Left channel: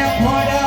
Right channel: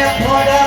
airport